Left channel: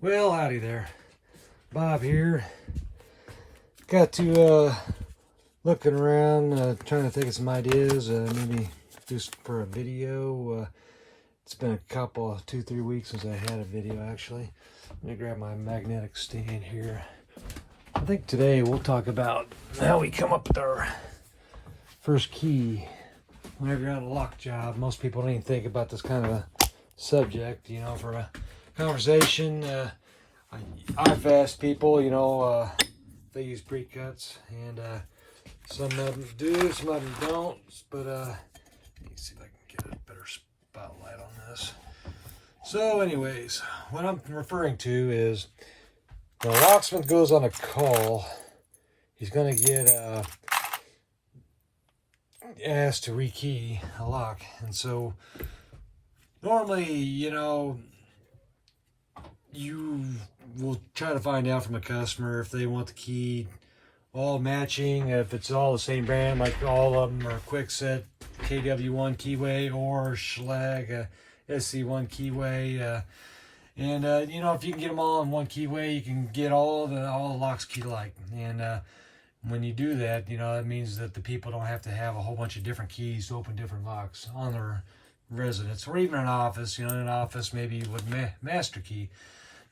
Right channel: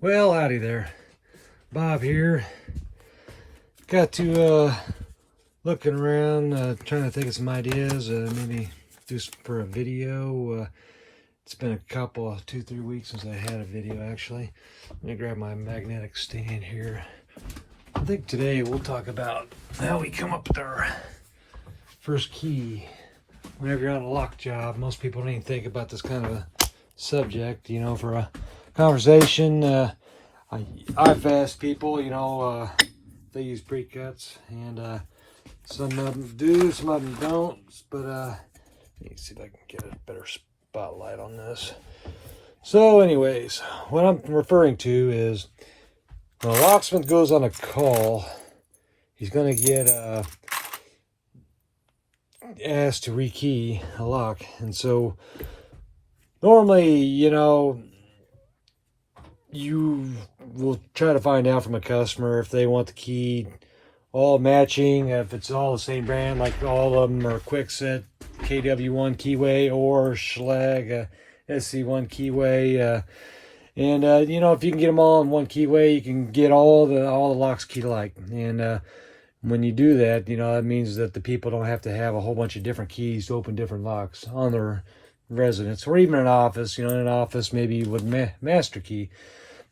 Well, howdy there. Bob here. Got to looking around, trying to think of some ideas, maybe do for a video. It's been a couple, 2-3 weeks since I had a video actually. Let me grab my magnetic stand here. I think today we'll talk about how we come up with our first key. Whenever you're on a lock job, most people don't even think about this kind of a subject, for a conversation. I've asked people, if they use Precuts, and some of them do, some of them don't, but let me see if I can get a better spotlight on this. So anyways, what I'm referring to is when a locksmith goes on a call, he's going to get asked to rekey a lock, and so normally, you will try to find out from a customer if they want the key all matching, if it's all the same brand, like all of them are Kwikset KW1 keyway or Schlage SC1 keyway. And if you can get them all in one keyway, you can get all the locks keyed alike. And when you do that, that means that the people don't have to have a whole bunch of different keys to open different locks on their residence, or even an office. In an office, maybe you would master key.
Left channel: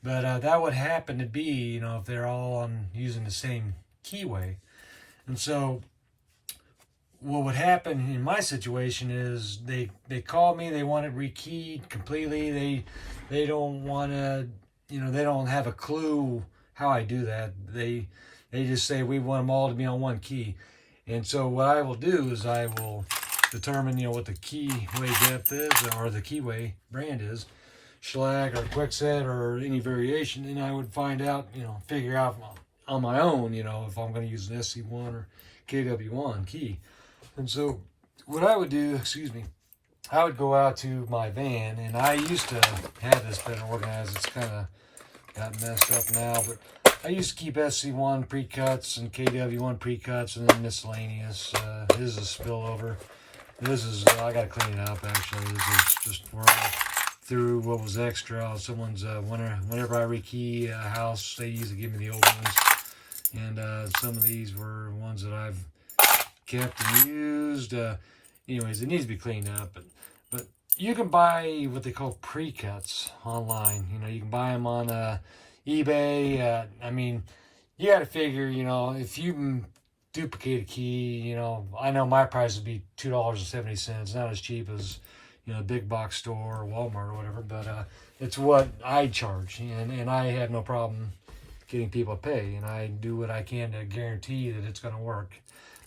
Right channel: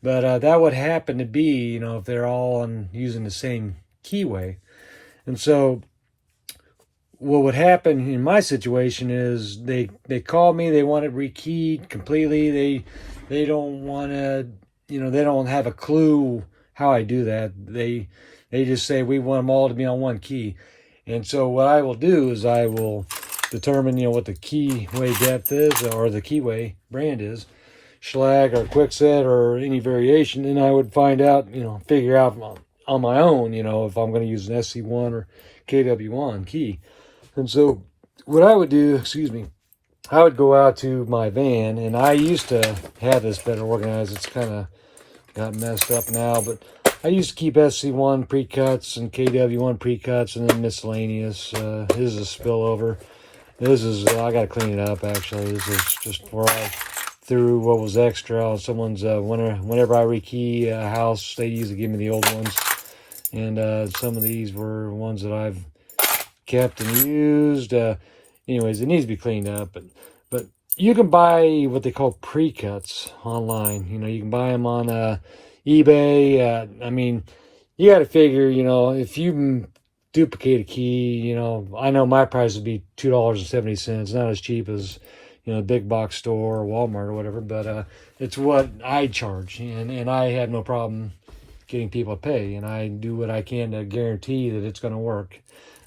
But that would happen to be, if they're all using the same keyway. And so what would happen in my situation is they call me, they want it rekeyed completely. They don't want to, they don't have a clue how I do that. They just say, we want them all to be on one key. And so what I will do is I will determine, what the keyway depth is, or the keyway brand is, Schlage or Kwikset or any variation, and I would find out, figure out on my own, if I'm going to use an SC1 or KW1 key. And so what I would do, I would go out to my van, and I used to have this better organized. It's kind of got messed up now, but I used to keep SC1 Precuts and KW1 Precuts, and then miscellaneous. This is a spillover. This is, I got to clean it up actually. This is just where I through what was extra on someone's, whenever I rekey a house, they usually give me the old ones. And some of these were ones that I've kept and used. Anyways, it needs to be cleaned up. But you can buy what they call Precuts online. You can buy them on eBay. I mean, you got to figure, if you duplicate a key, I know my price would be $2.70. Not as cheap as big box store or Walmart or whatever, but it's what I charge, and I have no problem getting people to pay, and I do what I can to guarantee that it's going to work.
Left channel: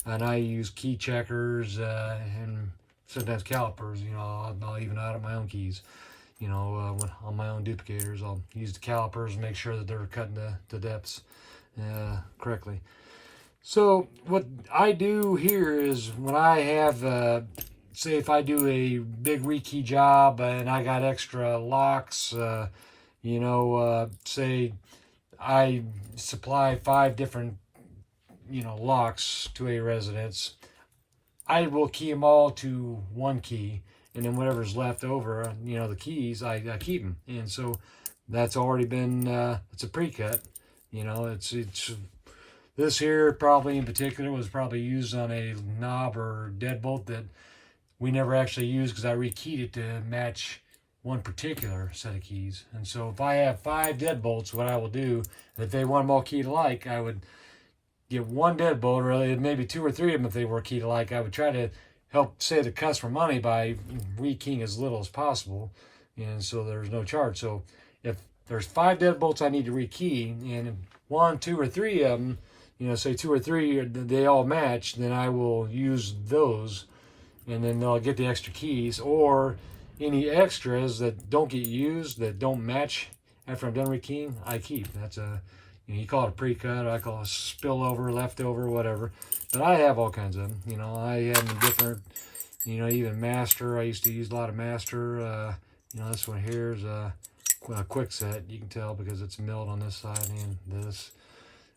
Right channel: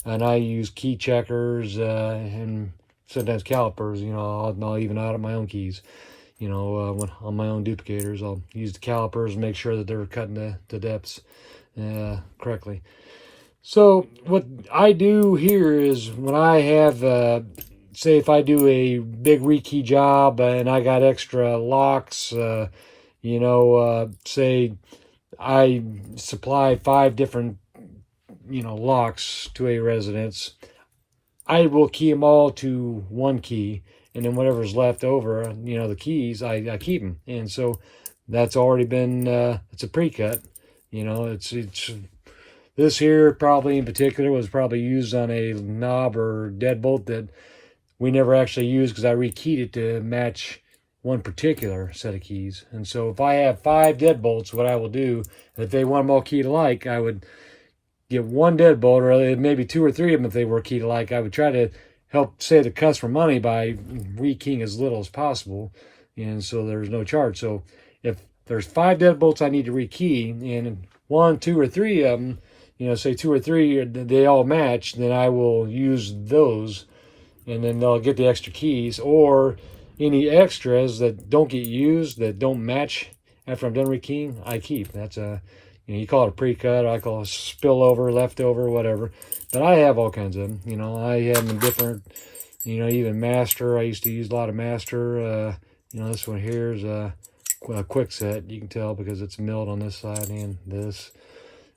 And I use key checkers and sometimes calipers. I'll even audit my own keys. When on my own duplicators, I'll use the calipers and make sure that they're cutting the depths correctly. So what I do here is when I have say if I do a big rekey job and I got extra locks, say I supply 5 different, locks to a residence, I will key them all to one key, and then whatever's left over, the keys, I keep them. And so that's already been, it's a Precut, it's this here probably in particular was probably used on a knob or deadbolt that we never actually used because I rekeyed it to match one particular set of keys. And so if I have 5 deadbolts, what I will do, if they want them all keyed alike, I would get one deadbolt, or maybe 2 or 3 of them if they were keyed alike. I would try to help save the customer money by rekeying as little as possible, and so there's no charge. So if there's 5 deadbolts I need to rekey, and 1, 2, or 3 of them, say 2 or 3, they all match, then I will use those, and then they'll get the extra keys. Or any extras that don't get used, that don't match after I'm done rekeying, I keep. That's you call it a Precut, I call it spillover, leftover, whatever. But I have all kinds of them. I have them different, even master. I used to use a lot of master. This one here is a Kwikset. You can tell because it's milled on this side and this.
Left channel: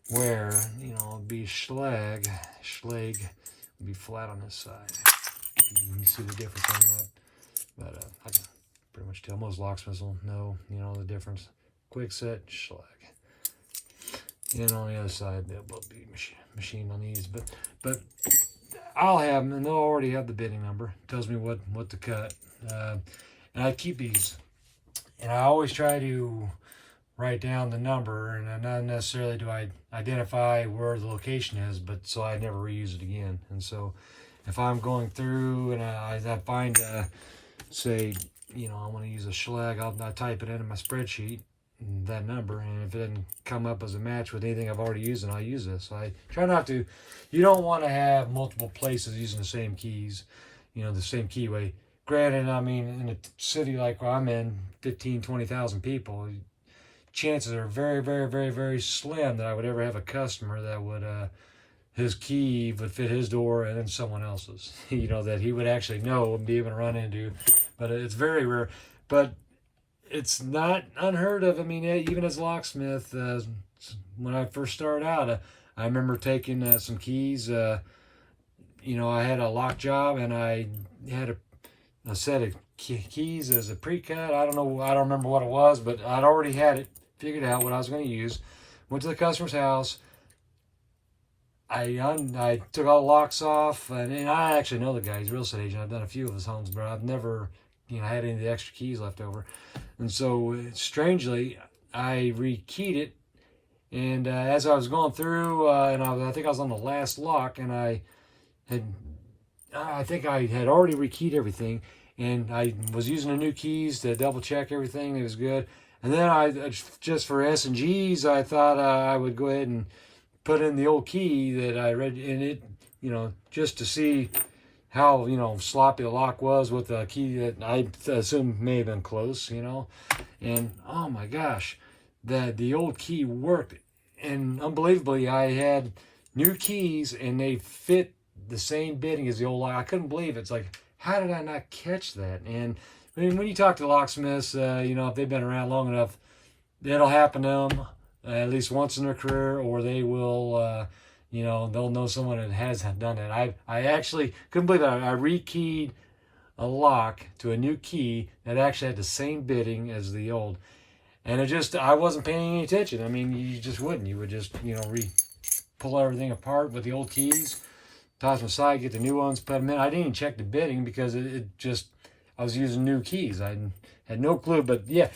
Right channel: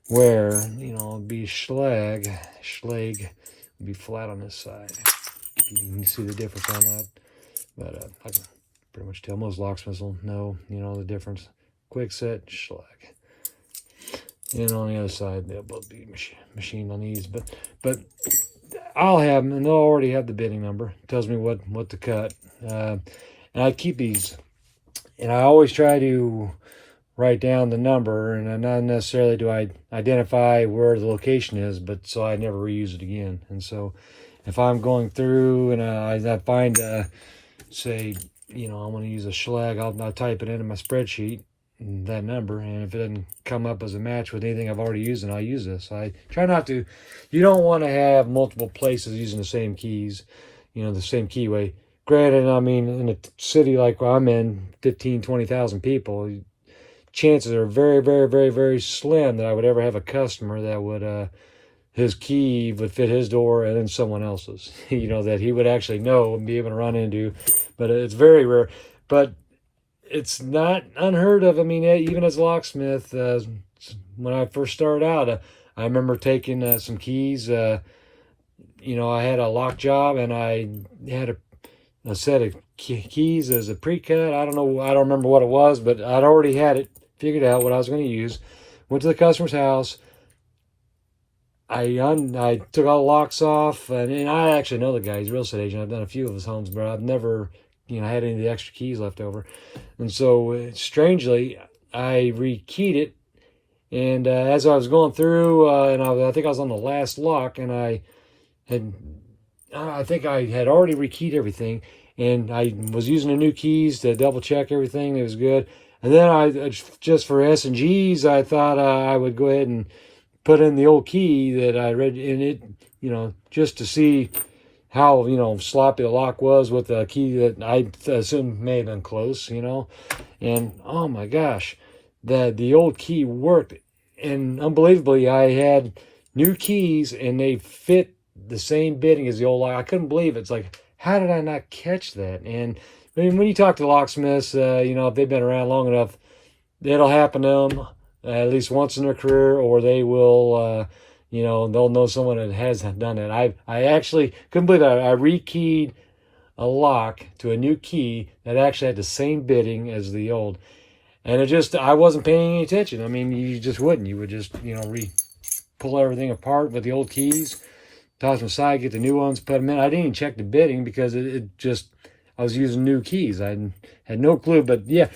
Where, it'd be Schlage would be flat on this side. You can see the difference on that. But I can pretty much tell most locksmiths will know, the difference. quick set, schlag. And on the other side, they'll both be machined on these. But I'll have them, and they'll already have the bidding number. It tells me what to cut. And I keep these, and I always try to write down the number, and not necessarily do I identify where the location is, but so I never reuse it again. And so if I'm going through and I find, say, I want to use a schlag, I'll type it into my spreadsheet, that number, and if it doesn't come up as a match with anything I've already used, then I'll use this. So I try not to. You don't want to have multiple places using the same keys, the same keyway. Granted, I mean, in a city like where I'm in, 15, 20,000 people, chances are very, very, very, very slim that I would ever have a customer that would, his key would fit his door and then someone else's, that he would actually know and be able to run into. But it's very rare. But it's not unheard of. I mean, even as a locksmith, when I first started out, I remember taking some keys. I had a lock job, and I had a set of keys as a Precut. I don't remember what it was, but I'd already had it figured out what I was going to use. Went to the customer's house. I took all the locks off, and I actually know the guy. He's a real estate agent. I've done a few of his homes, but I've never had any of the extra keys left over. And so, strangely, I rekeyed it. And as I was going through, and I think I was on the last lock, and I think I had already rekeyed everything. And I was using the new keys to double check everything. It was good. And then I just for S&Gs, I thought I would go ahead and put in the old key that I read in it, just to see how, sloppy the lock was with a key that I assume may have been close, And, oh my gosh, the old key worked. And unbelievably, I had new keys, and they fit the same bidding as the old lock. I couldn't believe it. It's like, how did I not catch that? And I mean, when you talk to locksmiths, if they've been around long enough, it'll happen to them at least once in their career, or they will, they'll know someone that has done it. I actually couldn't believe that. I rekeyed a lock to a new key that actually had the same bidding as the old. And I wasn't paying any attention. I mean, you just wouldn't. You would just, pull everything apart with the old keys, toss them aside, get the new ones, put them in. I didn't even check the bidding because I was using new keys. I had no clue, but yeah,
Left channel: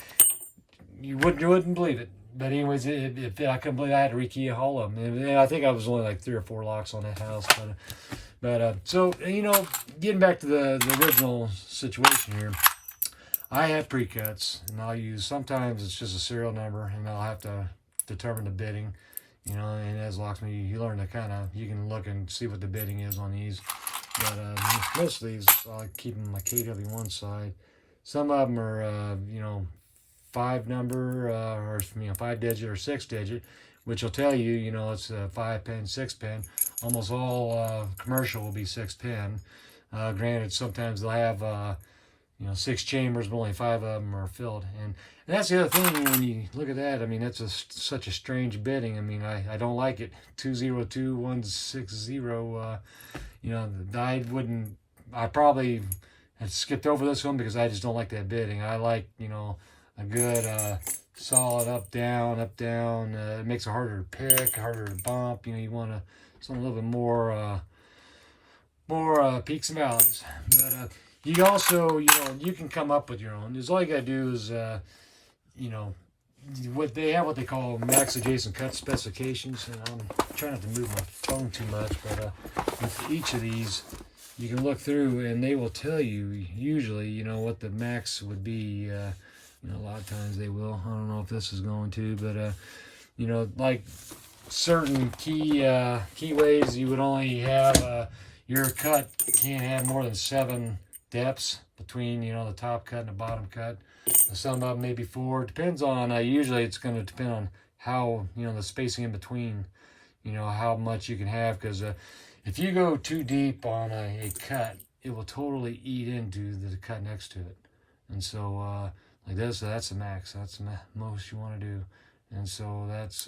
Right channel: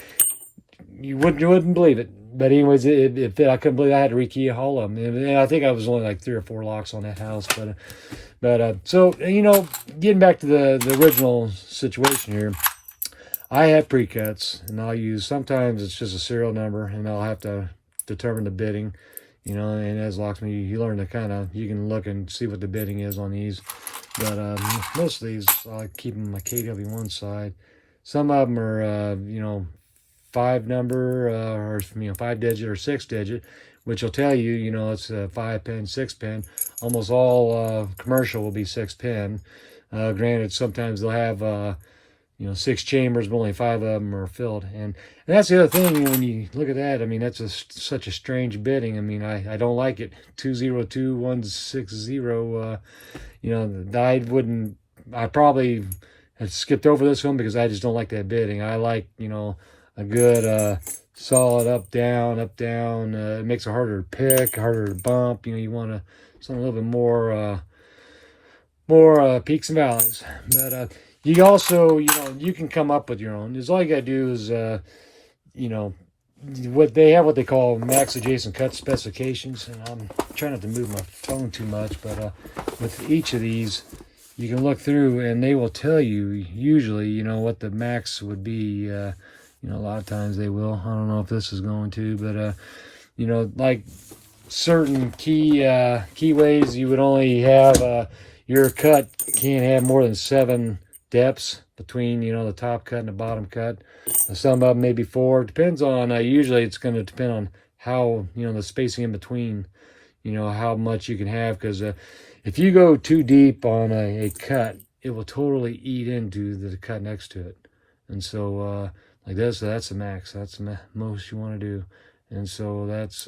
you wouldn't believe it. But anyways, it fit. I couldn't believe I had to rekey all of them. And I think I was only like 3 or 4 locks on that house. So, getting back to the original situation here, I have precuts, and I'll use, sometimes it's just a serial number, and I'll have to determine the bidding, and as locksmith, you learn to you can look and see what the bidding is on these. But most of these, I keep them on my KW1 side. Some of them are, 5 number, or 5 digit or 6 digit, which will tell you, it's a 5 pin, 6 pin. Almost all commercial will be 6 pin. Granted, sometimes they'll have 6 chambers, but only 5 of them are filled. And that's the other thing, when you look at that, I mean, that's such a strange bidding. I mean, I don't like it. 202160. I probably have skipped over this one because I just don't like that bidding. I like, a good solid up, down. It makes it harder to pick, harder to bump. You want something a little bit more peaks and valleys. But you also, you can come up with your own. All you got to do is, what they call max adjacent cut specifications. And I'm trying not to move my phone too much, but with each of these, you can look through, and they will tell you usually, what the max would be. A lot of times they will. I don't know if this is going to, but like certain keyways, you would only have your cut can't have more than 7 depths between the top cut and the bottom cut. Some of them maybe 4. Depends on. Usually it's going to depend on how the spacing in between. How much you can have, because if you go too deep on a cut, it will totally eat into the cut next to it, and so. Like this, that's the max. That's the most you want to do. And so that's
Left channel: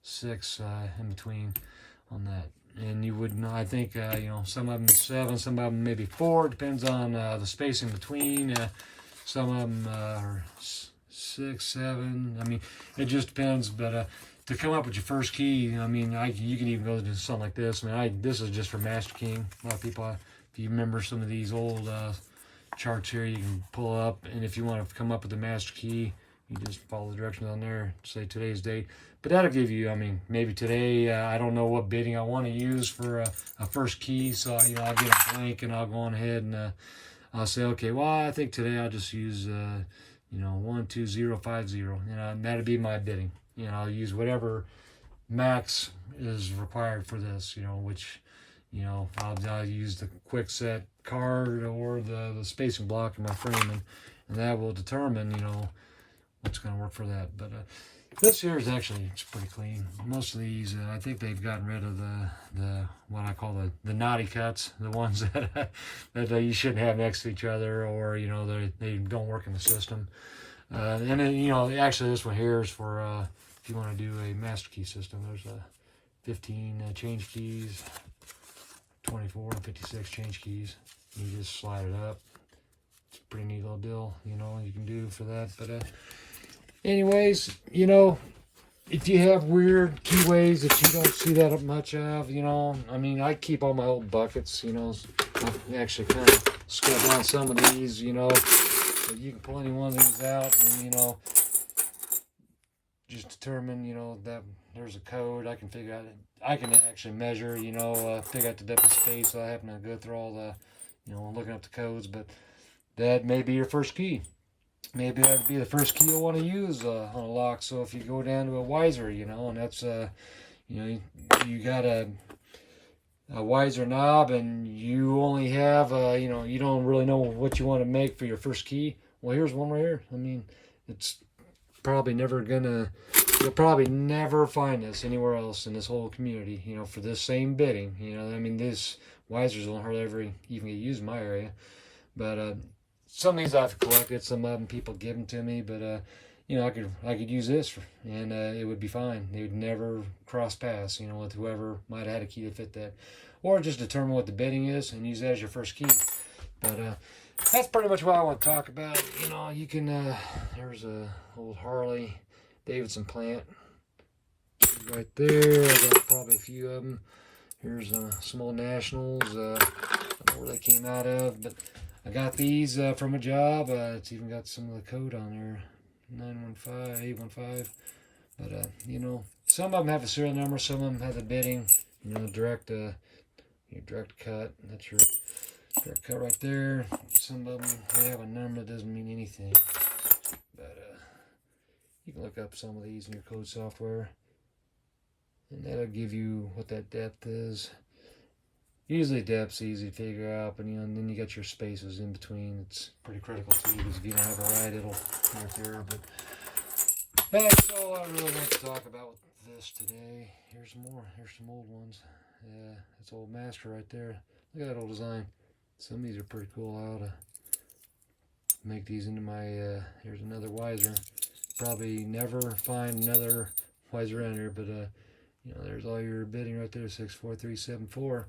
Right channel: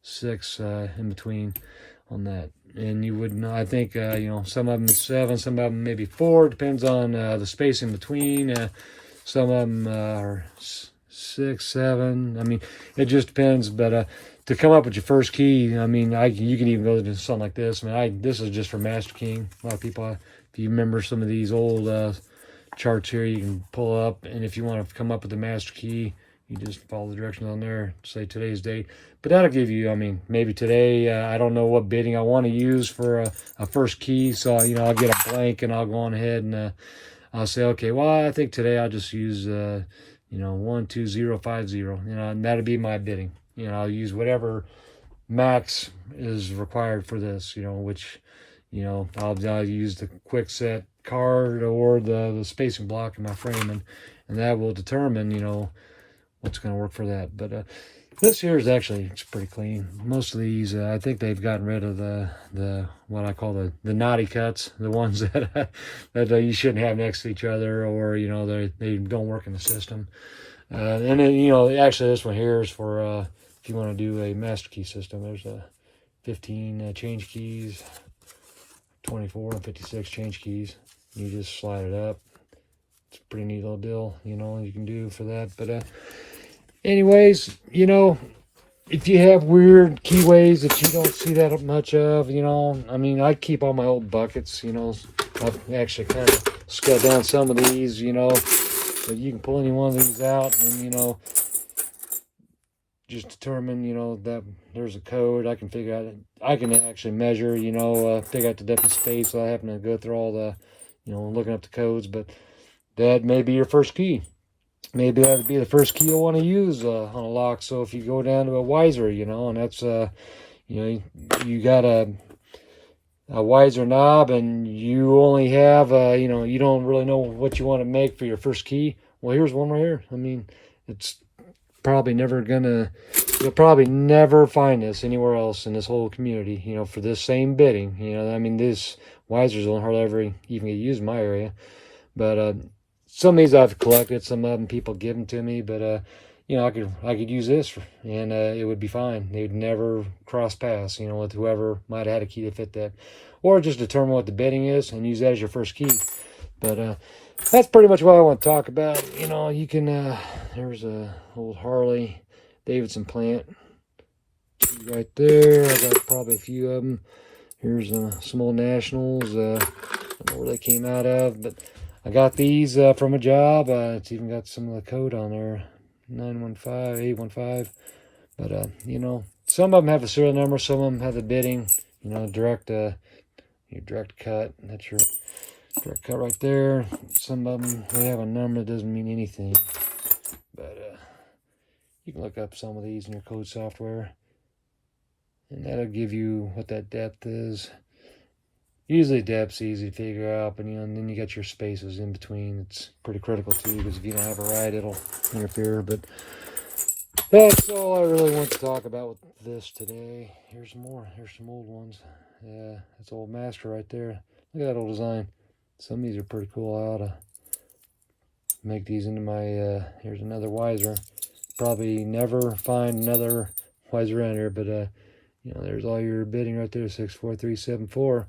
6 in between on that. And you would know, I think, some of them 7, some of them maybe 4. Depends on the space in between. Some of them are 6, 7. I mean, it just depends. But to come up with your first key, I mean, you can even go to something like this. I mean, this is just for master keying. A lot of people, if you remember some of these old charts here, you can pull up, and if you want to come up with the master key, you just follow the directions on there, say today's date. But that'll give you, I mean, maybe today, I don't know what bidding I want to use for a first key. So, I'll get a blank and I'll go on ahead and I'll say, okay, well, I think today I'll just use, 12050, and that'll be my bidding. I'll use whatever max is required for this, which, I'll use the quick set card or the spacing block in my frame, and that will determine, what's going to work for that. But this here is actually, it's pretty clean. Most of these, I think they've gotten rid of the what I call the naughty cuts, the ones that you shouldn't have next to each other, or they don't work in the system. And then actually this one here is for if you want to do a master key system. There's 15 change keys, 24 and 56 change keys. You just slide it up. It's a pretty neat little deal, you can do for that. But anyways, if you have weird keyways that you don't see that much of, I mean, I keep all my old buckets, I've actually kind of scrubbed down some of these, so you can pull any one of these out and, just determine, that there's a code. I can figure out, I can actually measure, figure out the depth of space. So I happen to go through all the, looking up the codes, but that may be your first key. Maybe that would be the first key you'll want to use on a lock. So if you go down to a Wiser, and that's, you got a Wiser knob and you only have, you don't really know what you want to make for your first key. Well, here's one right here. I mean, it's probably never gonna, you'll probably never find this anywhere else in this whole community, for this same bidding. I mean, this Wisers don't hardly ever even get used in my area. But some of these I've collected, some of them people give them to me, but I could use this and it would be fine. They would never cross paths, with whoever might have had a key to fit that, or just determine what the bidding is and use that as your first key. But that's pretty much what I want to talk about. You can there's a old Harley Davidson plant right there. I got probably a few of them. Here's some old Nationals. I don't know where they came out of, but I got these from a job. It's even got some of the code on there, 915, 815. But some of them have a serial number, some of them have the bidding. Direct cut. That's your direct cut right there. Some of them they have a number that doesn't mean anything. But you can look up some of these in your code software, and that'll give you what that depth is. Usually depth's easy to figure out, but and then you got your spaces in between. It's pretty critical too, because if you don't have it right, it'll interfere. But that's all I really want to talk about with this today. Here's some more. Here's some old ones. Yeah, that's old Master right there. Look at that old design. Some of these are pretty cool. I ought to make these into my, here's another Wiser. Probably never find another Wiser around here, but there's all your bidding right there, 64374.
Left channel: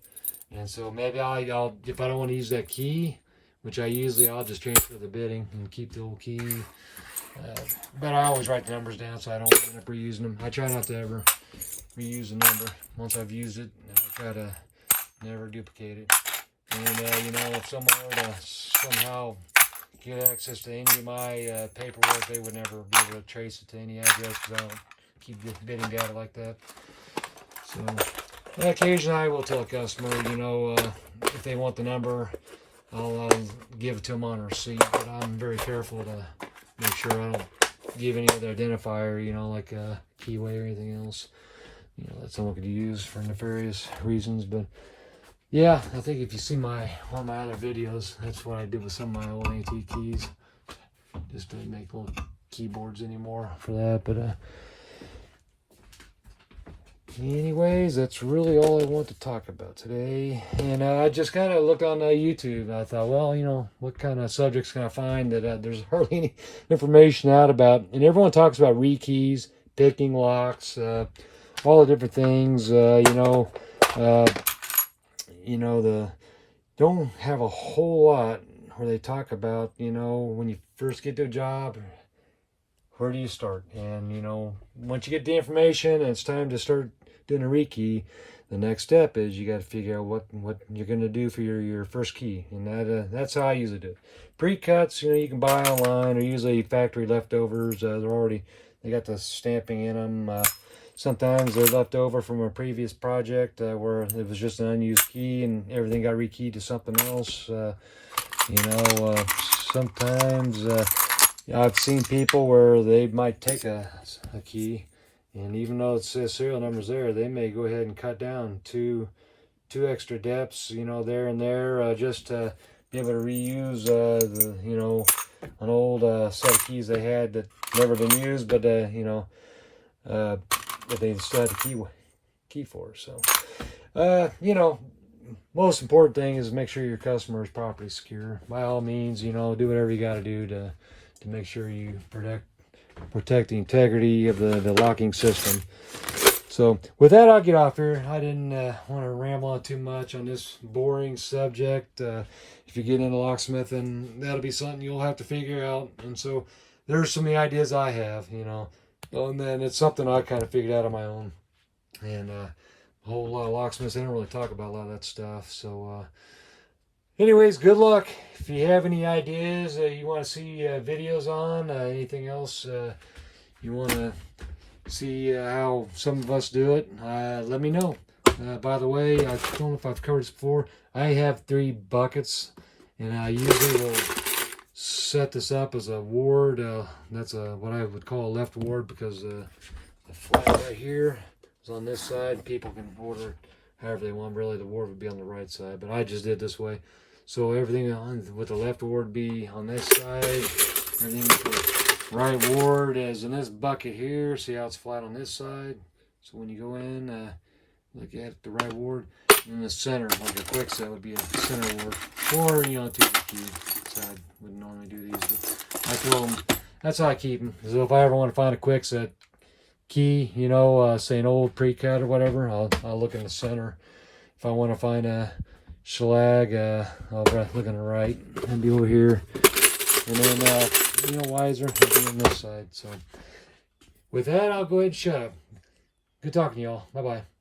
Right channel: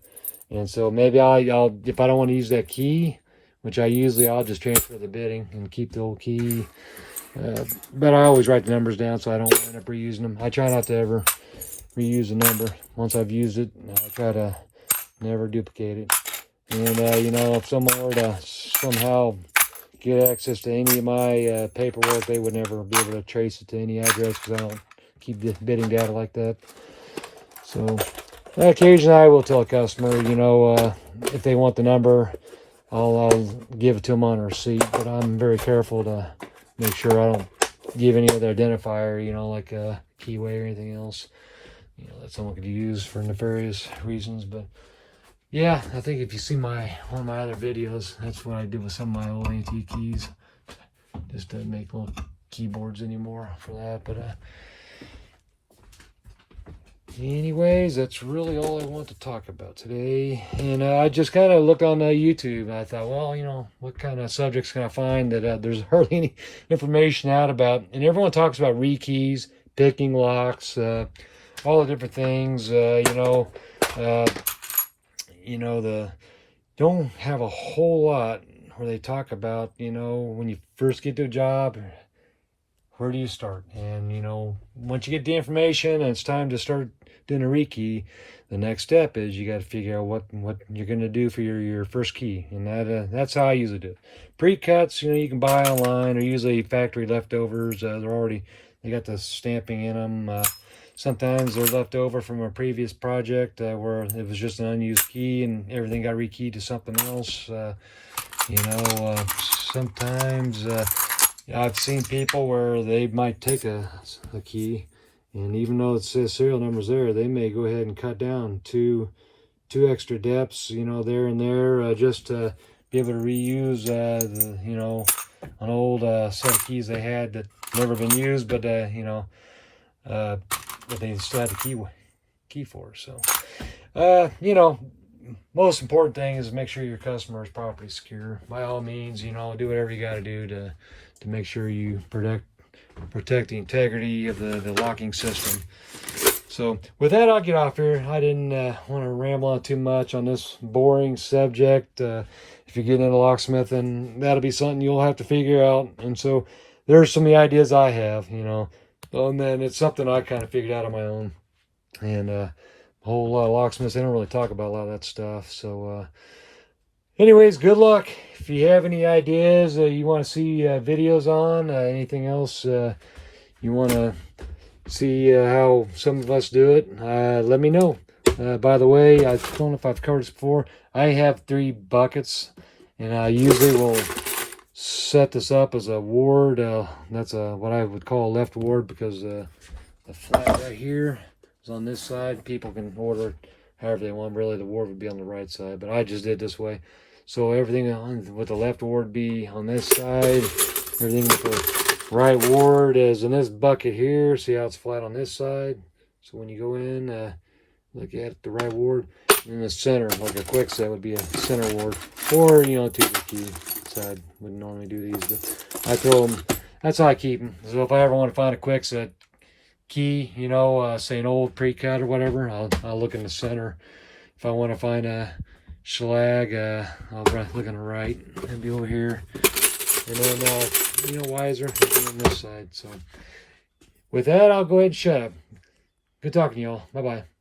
And so maybe I'll if I don't want to use that key, which I'll just transfer the bidding and keep the old key. But I always write the numbers down so I don't end up reusing them. I try not to ever reuse a number. Once I've used it, I try to never duplicate it. And if someone were to somehow get access to any of my paperwork, they would never be able to trace it to any address, because I don't keep bidding data like that. So occasionally I will tell a customer, if they want the number, I'll give it to them on a receipt, but I'm very careful to make sure I don't give any other identifier, like a keyway or anything else, that someone could use for nefarious reasons. But yeah, I think if you see one of my other videos, that's what I did with some of my old antique keys. Just didn't make little keyboards anymore for that. But anyways, that's really all I want to talk about today. And I just kind of looked on YouTube, and I thought, well, what kind of subjects can I find that there's hardly any information out about? And everyone talks about rekeys, picking locks, all the different things. Don't have a whole lot where they talk about, when you first get to a job, where do you start? And, you know, once you get the information and it's time to start doing a rekey, the next step is you got to figure out what you're going to do for your first key. And that's how I usually do it. Precuts, you know, you can buy online, or usually factory leftovers. They got the stamping in them. Sometimes they're left over from a previous project where it was just an unused key and everything got rekeyed to something else. Sometimes I've seen people where they might take a key, and even though it says serial numbers there, they may go ahead and cut down two extra depths, you know, there and there, just to be able to reuse an old set of keys they had that never been used, but but they still had the key for. So most important thing is make sure your customer is properly secure. By all means, you know, do whatever you got to do to make sure you protect the integrity of the locking system. So with that, I'll get off here. I didn't want to ramble on too much on this boring subject. If you get into locksmithing, that'll be something you'll have to figure out. And so there's some of the ideas I have, you know, and then it's something I kind of figured out on my own. And a whole lot of locksmiths, they don't really talk about a lot of that stuff. So anyways, good luck. If you have any ideas you want to see videos on, anything else you want to see how some of us do it, let me know. By the way, I don't know if I've covered this before. I have 3 buckets, and I usually will set this up as a ward. That's what I would call a left ward, because the flat right here is on this side. People can order it however they want. Really, the ward would be on the right side, but I just did it this way. So everything with the left ward be on this side. Everything with the right ward is in this bucket here. See how it's flat on this side? So when you go in, look at the right ward. In the center, like a quick set, would be a center ward. Or, you know, 2 key side. Wouldn't normally do these, but I throw them. That's how I keep them. So if I ever want to find a quick set key, you know, say an old Precut or whatever, I'll look in the center. If I want to find a shelag, I'll look on the right. I'll be over here. And then, you know, wiser, I'll be on this side. So with that, I'll go ahead and shut up. Good talking to y'all. Bye-bye.